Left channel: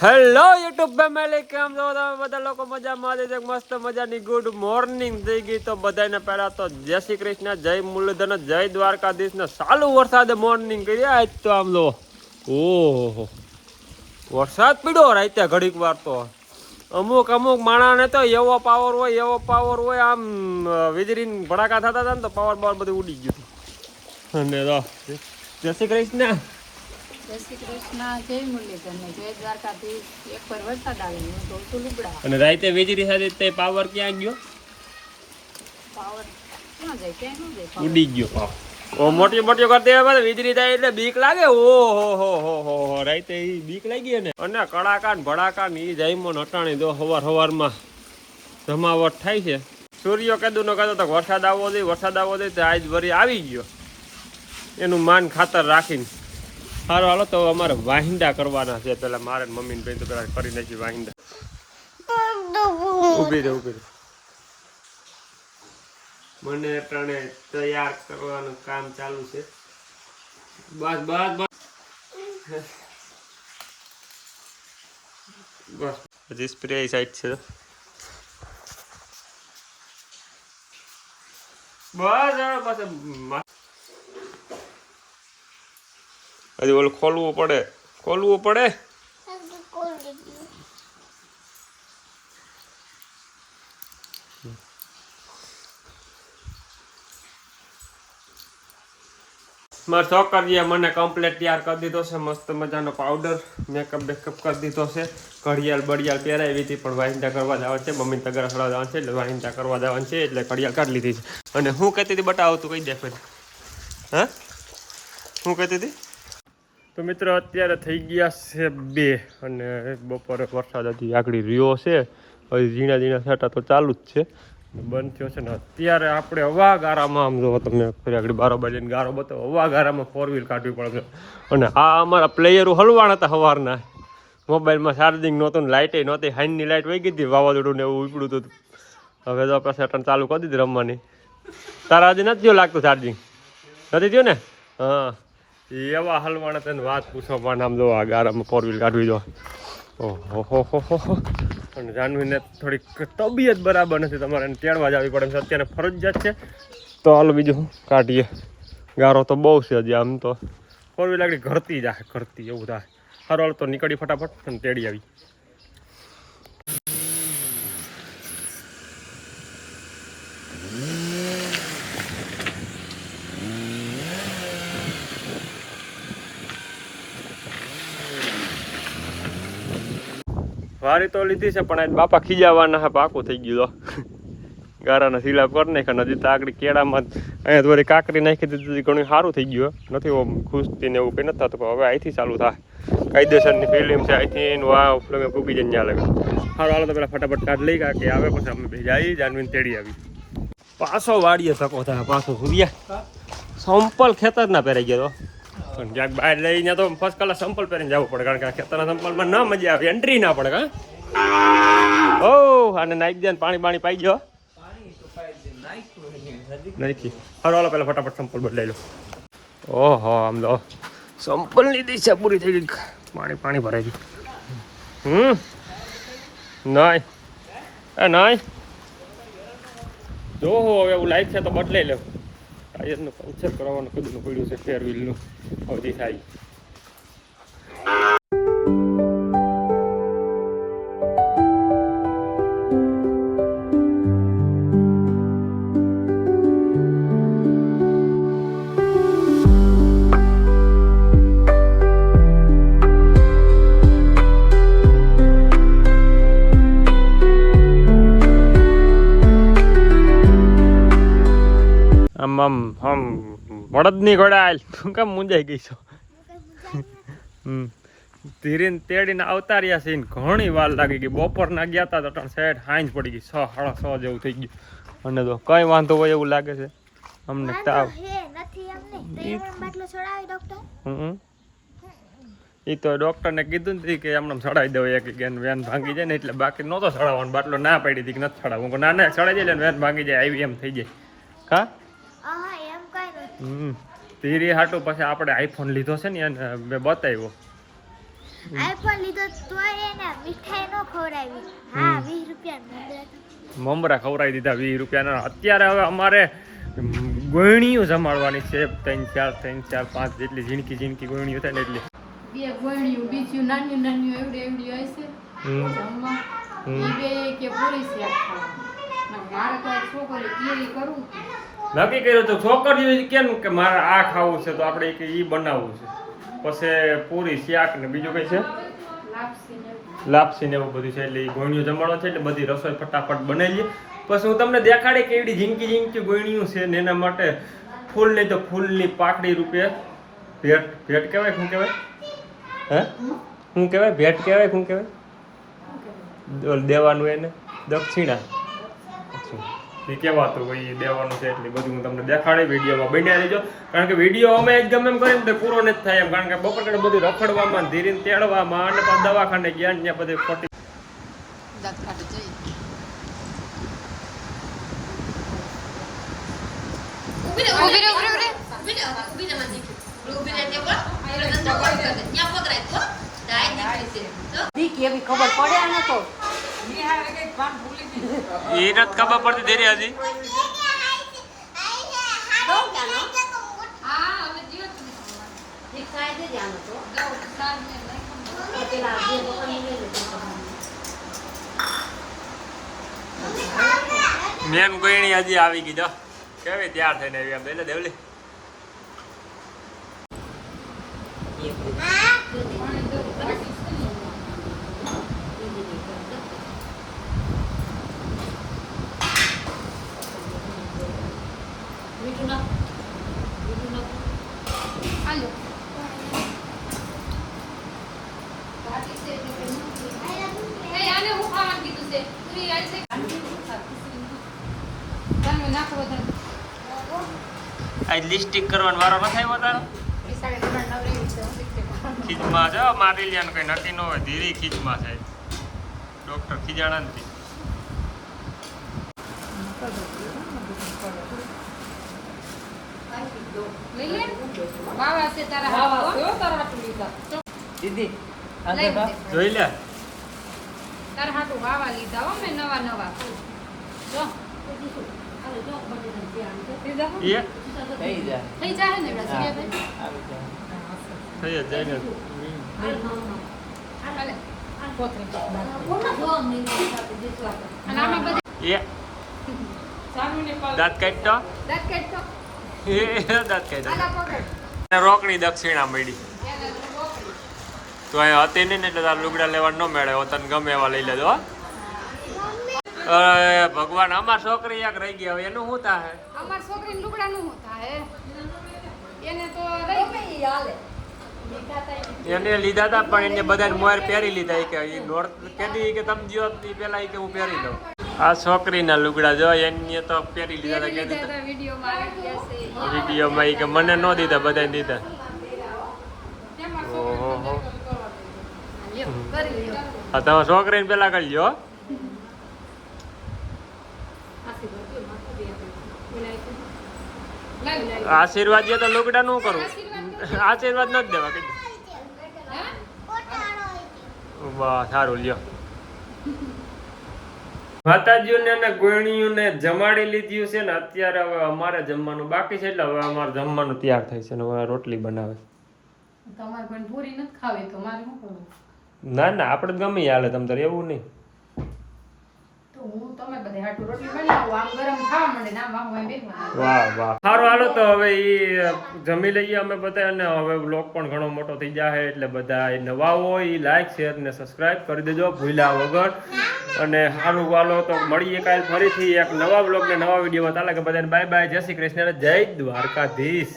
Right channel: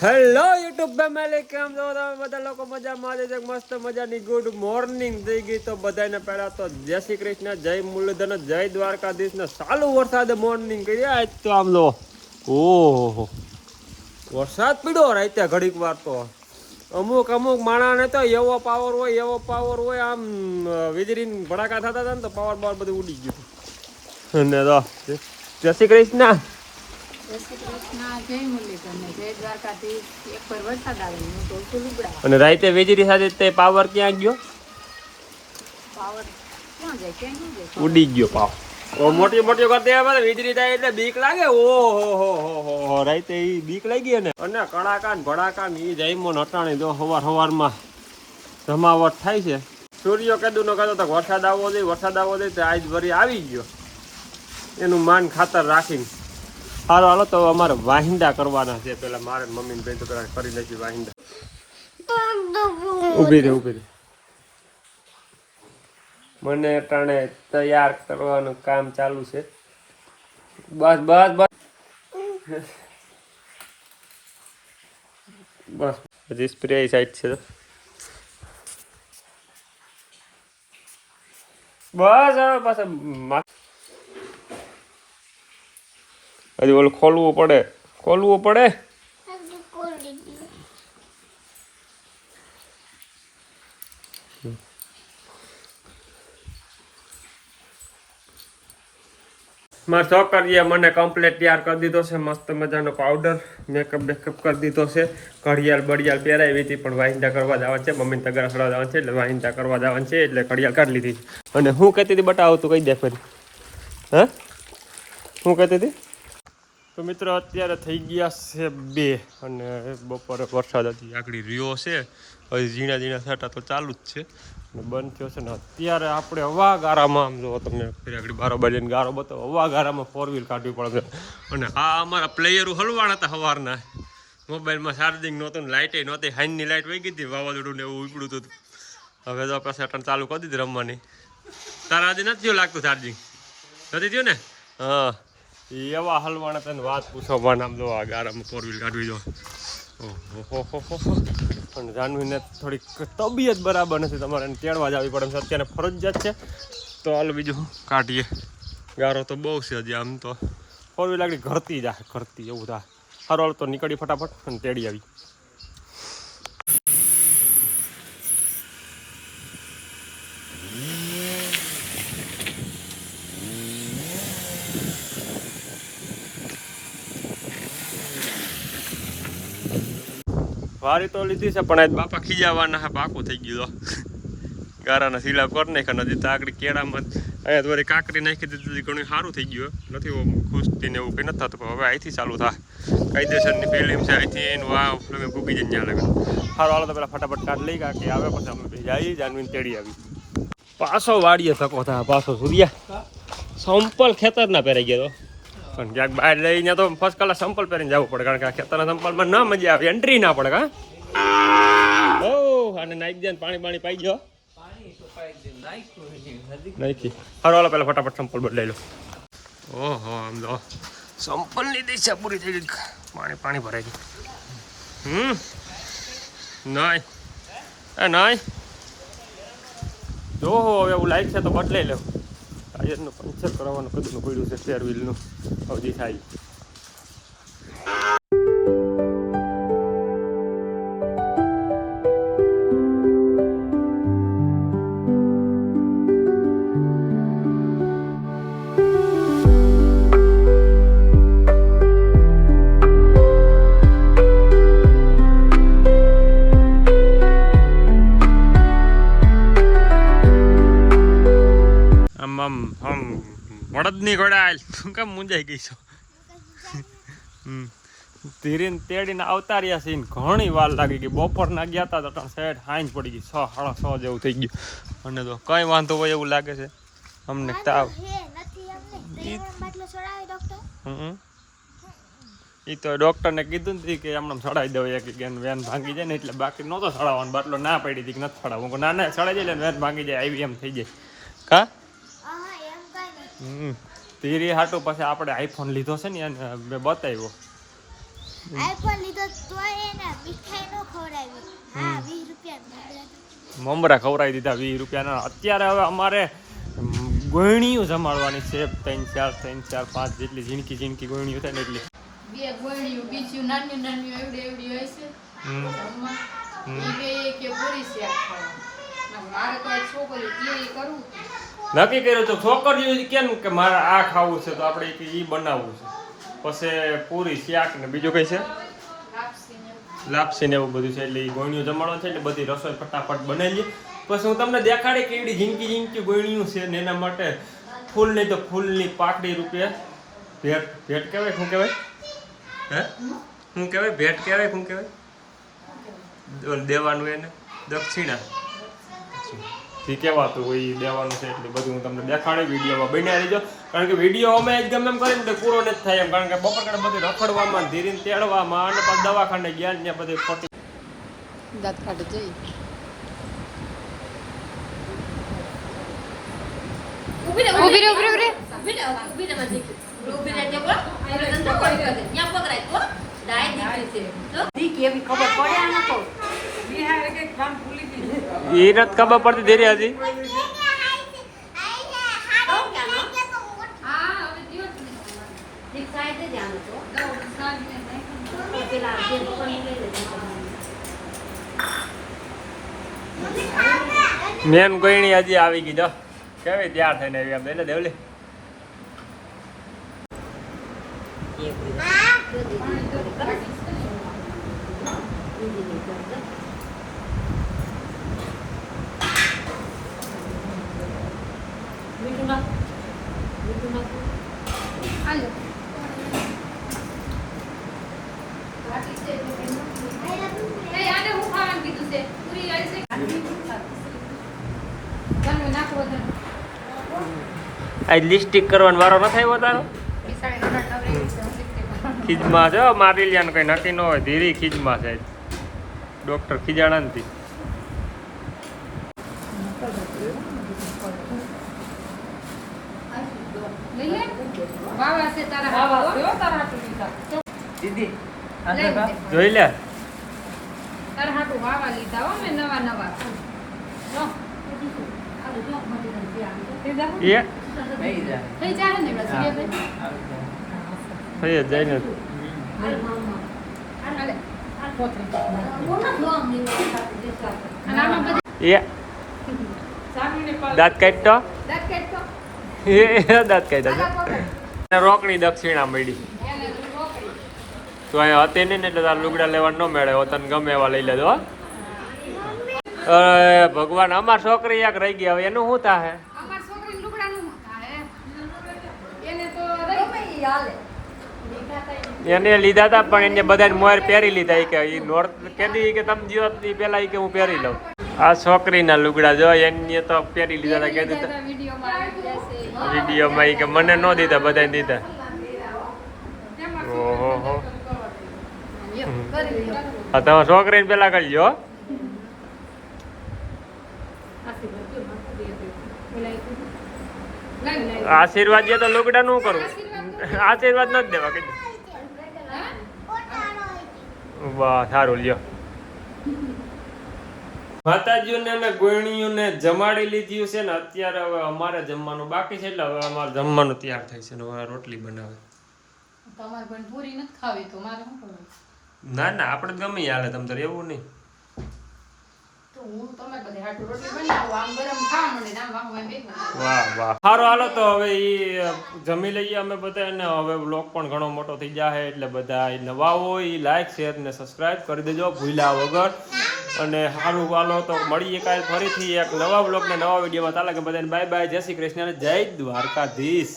Hello YouTube family, કેમ છો તમે બધા લોકો? મજામાં છે? મસ્ત મજાની ગુડ મોર્નિંગ થઈ ગઈ. તો બધાને પહેલા તો જય શ્રી કૃષ્ણ, જય મુરલીધર, જય દ્વારકાધીશ ને ચાલુ વરસાદે મોર્નિંગ કરી. આજ તો આમ લો, ઓહો વરસાદ પીડ્યો રાતે ઘડીક વાર. તો અમુક માણાને તો એવો પાવર હોય આમ વીજળી ભડાકા થતા હતા ને તો પાવર બધું ઉડી ગયું. અને તો જય શ્રી કૃષ્ણ, જય શ્રી કૃષ્ણ, જય મુરલીધર ને જય દ્વારકાધીશ. એક પર વરસાદ આવે હું ધોતું લુગડા. અને રાતે વીજળી સાથે તે પાવર ક્યાં ગયો? પાવર ક્યાં જાય? ક્યાં ન જાય? ઉડી ગયો પાવર. ઓ મોટી કરતી આવે વીજળી જાય એટલે બીક લાગે. ઓહો રાતે ઈ બીક લાગી ને. અને કડાકા ને ભડાકા ને ઈ જાયમો નટાણી દો હવારમાં જમાવટ થાય છે. સૂર્ય કદું નો કહેતો તો વરસાદ આવવો જોઈએ તો આજ વરી આવી ગયો. એનું માન ખાતર રાખીને સારું હાલો. તો અમારે વાહિંદા કરવાના છે. પેલા મારે મમ્મી ને બેન તો પેલા કરી નાખી વાહિંદા. ઉભી રહે. મને ટાણે તૈયાર કરવાનું કામ ચાલુ છે. બસ હજી સ્પ્રે સાઈડ છે. બસ હવે પાછા હજી ઓલું ખોલવું પડે. મારા છોકરીએ મને કમ્પ્લીટ તૈયાર કરી દીધો છે. મસ્ત મજાનો પાવડર મેકઅપ કરી દીધો છે. ઘડિયાળ પહેરાવી હતી પણ વાહિંદા કરવા જવાનું છે. મમ્મીને તગારા ખડવા જવાનું છે એટલે વાહિંદા કરવા જવાનું છે એટલે ઘડિયાળ કાઢી લીધી છે. અને હું કહેતી હતી બતાવો તું કહી દે ફરી. હા હું કહેતી હતી? તો મિત્રો અત્યારે થઈ ગયા છે 2 અને બપોરે વરસાદ હજી આગળ રહ્યો છે. હજી ઝીણા છાંટા તો ચાલુ જ છે. બંધ થયો છે ને અત્યારે આપણે હવા ગારામાં આમ જો તમને ફરી આગળ 12 વાગ્યાની ગારો બતાવો. હવા ગારામાં 4 વ્હીલ કાઢવી પડે. અને આ અમારા પ્લેયરો હલવાના હતા સવારના. મોબાઈલમાં ચાર્જિંગ નહોતું ને લાઇટે નહોતી. હાઈનની લાઇટ વહી ગઈ હતી. વાવાઝોડું ને એવું ઉપડ્યું હતું. હવે તો આપણે સેટન ચાલુ કરી દીધી રમવાની. તારા હજી નથી થયું લાગતું ચાર્જિંગ? નથી થયું ને? હા એવા હલવાના તેને વાત પૂછો. પણ આમ જો આ ગારામાં 4 વ્હીલ કાઢવી જો. ઓહો અને જાનવીને થોડીક તબિયત બરાબર નથી. તમારે એને તેડવા જવી પડે છે. અત્યારે ફરજિયાત છે. તો હાલો બીજું કાઢીએ. ગારો તો બહુ છે હજી. આમ તો 4 વ્હીલ આગળ ઘરતી એવું થાય. સારું હાલ તો નીકળી ફટાફટ અને તેડી આવી. વારી તો લીધી છે પણ આજ બાપા ખીજાવાના છે. પાકું થઈ ગયું તો ગારાના સિલાપ કરી નાખ્યા. નદી તો આગળ કેળામાં અહીંયા તો બધી કાંકરી નાખી દીધી. ઘણું સારું થઈ ગયું. નથી ખુશતી ને એવું કંઈ નથી થતું. પણ હવે અહીંથી ચાલુ થાય. કાયદેસરની ફિલ્મ છે. અહીંથી એનું આ ફિલ્મ પૂગી જાય ત્યાં લગે. સારું હાલો તો પેલા ફટાફટ કાઢ લઈ ગયા કે આવે પછી અમે ભેજા આવી જાનવીને તેડી આવી. પાછો વાડીએ ધક્કો થાય. પાછો સૂર્યા સંપલ ખેતર ના પહેરાઈ ગયો તો પણ ક્યાંક બહાર લઈને તો ફર્સ્ટ કલાસ સંપલ પહેરીને જવું પડે. કારણ કે આ ખેતરના સંપલમાં ના મજા આવે. એન્ટ્રી ના પડે. ઓ અને નાઈક દે પાણી પાઈ ગયો. નાખી હારો હાલો પેલા ફટાફટ સંપલ બદલાઈ લો. ઓહો આમ તો સંપલની દિશા પૂરી થઈ ગઈ. પાણી ભરાઈ ગયું. નહીં જો હવે એવું લાઈટ છે તો બદલાઈ લેવું. ટાયરનું પંચર કરાવવાનું કદનું પડ્યું છે. 4 વ્હીલનું હજી થાય. આમ બળદની ઘોડાલ તું કેમ મુંજાઈ ગઈ છો? ધીરેને તેડીને આવતા રહ્યા છે. ઘણી વાર લાગી ગઈ. બપોરના ગયા હતા તો સાઈડ હાંજ પડી ગઈ. 6, 6:30 જેવું થઈ ગયું. અને તો કઈ વાંધો હોય એવું લાગે છે અમને. તાવ એ તો ડોક્ટરને કીધું નથી કે હમણાં ચડાવી દઉં એક વેન ભાંગી જાય ને એટલે. બાકી નહોતો ચડાવવાનો. બાટલો ના પડી હતી કે નથી ચડાવવું. ના ચડાવી જાય વેન ભાંગી જાય. આવી એમ થઈ જાય. કા ધીરે હાટું પછી આપણે આઈફોન લીધો છે ને એને મેં બતાવ્યો. આઈફોન લીધો તોય એને મીઠાઈ નો ખવડાવી. હા 20 રૂપિયા મમરા ખવડાવી દીધા 20 રૂપિયાના. અત્યારે હવે અમારે ગોયણીઓ જમાડવાની છે 3 4 5 જેટલી ઝીણકી ગોયણીઓ થાય ને એટલી. બે ગોળીઓ બીજી નાની નાની એવડી હોય છે જમવા. ઈ બે કે પૂરી શાક ખાવા. મારે તો છોકરી એ કરવું નક્કી કર્યું તો છોકરીઓ કેમ કે મારે આ ખાવું છે તો આપણે કે ઈ બનાવવું છે. પછી પૂરી શાક ને બીજું કઈ છે લાપસી ને એવું બધું છે. એટલે ગોયણીઓ જમાડવા છે એટલે બધી રસોઈ ફટાફટ બનાવી લઈએ. પછી હું તમને દેખાડે કેવી ઝીણકી ગોયણીઓ છે ને એના માટે ફૂલ નહીં તો ફૂલની પાકડી રૂપે ભેટ કહેવાય. શું કહેવાય? હે શું કહેવાય? ભેટ કહેવાય? શું કહેવાય? દેવાનું એને દક્ષિણા એ કહેવાતું હોય એ દેવાનું છે. એટલે બધું હું તમને દેખાડી વિડીયોમાં બનાવી લેજો. કારણ કે વિડીયો અમે જ ગમે એમ કરીને તો પૂરો નથી થાય એમ. કારણ કે બપોર કાઢે બધું રખડવામાં ધીરે તેડવામાં અને પાછું દવાખાને ગયા ત્યાં બધે ખોટી દાંત કાઢ જઈ. એ નથી ખબર પડતી ધીરે હજી. મેન ગોયણી હજી આવી ગઈ જો કેવી તૈયાર થઈને આવી આમ એટલે દેવલી. આ લિપસ્ટિક કરવાનો વારો ન થાય તારો. ખીજમાં જો મારી લ્યાનું કઈ નક્કી ન હોય. ધીરી ખીજમાં છે ડોક્ટર ખીજાણા નથી. જોઈ લે તાર હાટુ વાવા લીધા હો મે નવા નવા. જો એ થઈ જાય ને બસ બે ભાઈ. થઈ જ જાય ને. હાલે આ કોથરી અને આમાં બધી એ દાંત કાઢતો દાંત કાઢતો એ દાંત કાઢતો રોકડી દક્ષિણા મળી. તો અહીંયા હતી નહીં ને એટલે તાર લુગડા લેવા ન મેળે. તને ગમે એવા લઈ લેજો. ભગવાન અમાર છોકરી એક રહી ગયા હવે એનું શું થાય? અમાર છોકરીને લુગડાનું શું થાય? એને તો રહી હાલે. એને લીધા હતા પણ એને બધા મોર પહેરી લીધા. કે એ નોર્થ કેદી કે તમે જીવો પેલા કે હું પહેરી લઉં. આ છોકરીના લુગડા જો એને તો પહેરી લીધા હતા. કે વિડીયોમાં કે મને ન દીધા બધા દીધા. ઓહો હો. હા તમે છોકરીને પેલા કરી લો. આશીર્વાદ જે તો લુગડા નું કરું. આશીર્વાદ ન જ દેવા કઈ. વાહ સારું લ્યો. માતાજીઓને અને ગોયણીઓને જમાડી લીધી છે ને અત્યારે હવે અમારે જમવાનું બાકી છે. એટલે હવે અમારે જમવાનું તૈયાર થાય છે ને હવે રોટલી બનાવે. તમારે પણ પૂરી નથી ખાવી તો મારે શું કરવું? ના ના આપણે ગમે હાલે તમ તારે એવું નહીં. તો હું તમે બધે હાટુ રોટલી બનાવું આમ ગરમ ખાવા મળે ને આમ વાહમાં બેસવા. વાહ વાહ સારું હાલો તો હવે એ જમી લઈએ અમે બધા. અને હવે બ્લોગ પણ ઘણો મોટો થઈ જાય એટલે બધા નવા હોય એ લાઈક શેર ને સબસ્ક્રાઈબ કરી દેજો ભૂલ્યા વગર. અને સારું હાલો તો મળીએ કાલ ફરીથી એક નવા બ્લોગ ને નવા વિડીયોમાં. તાલા કે બધાને બાય બાય. જય શ્રી કૃષ્ણ જય દ્વારકાધીશ.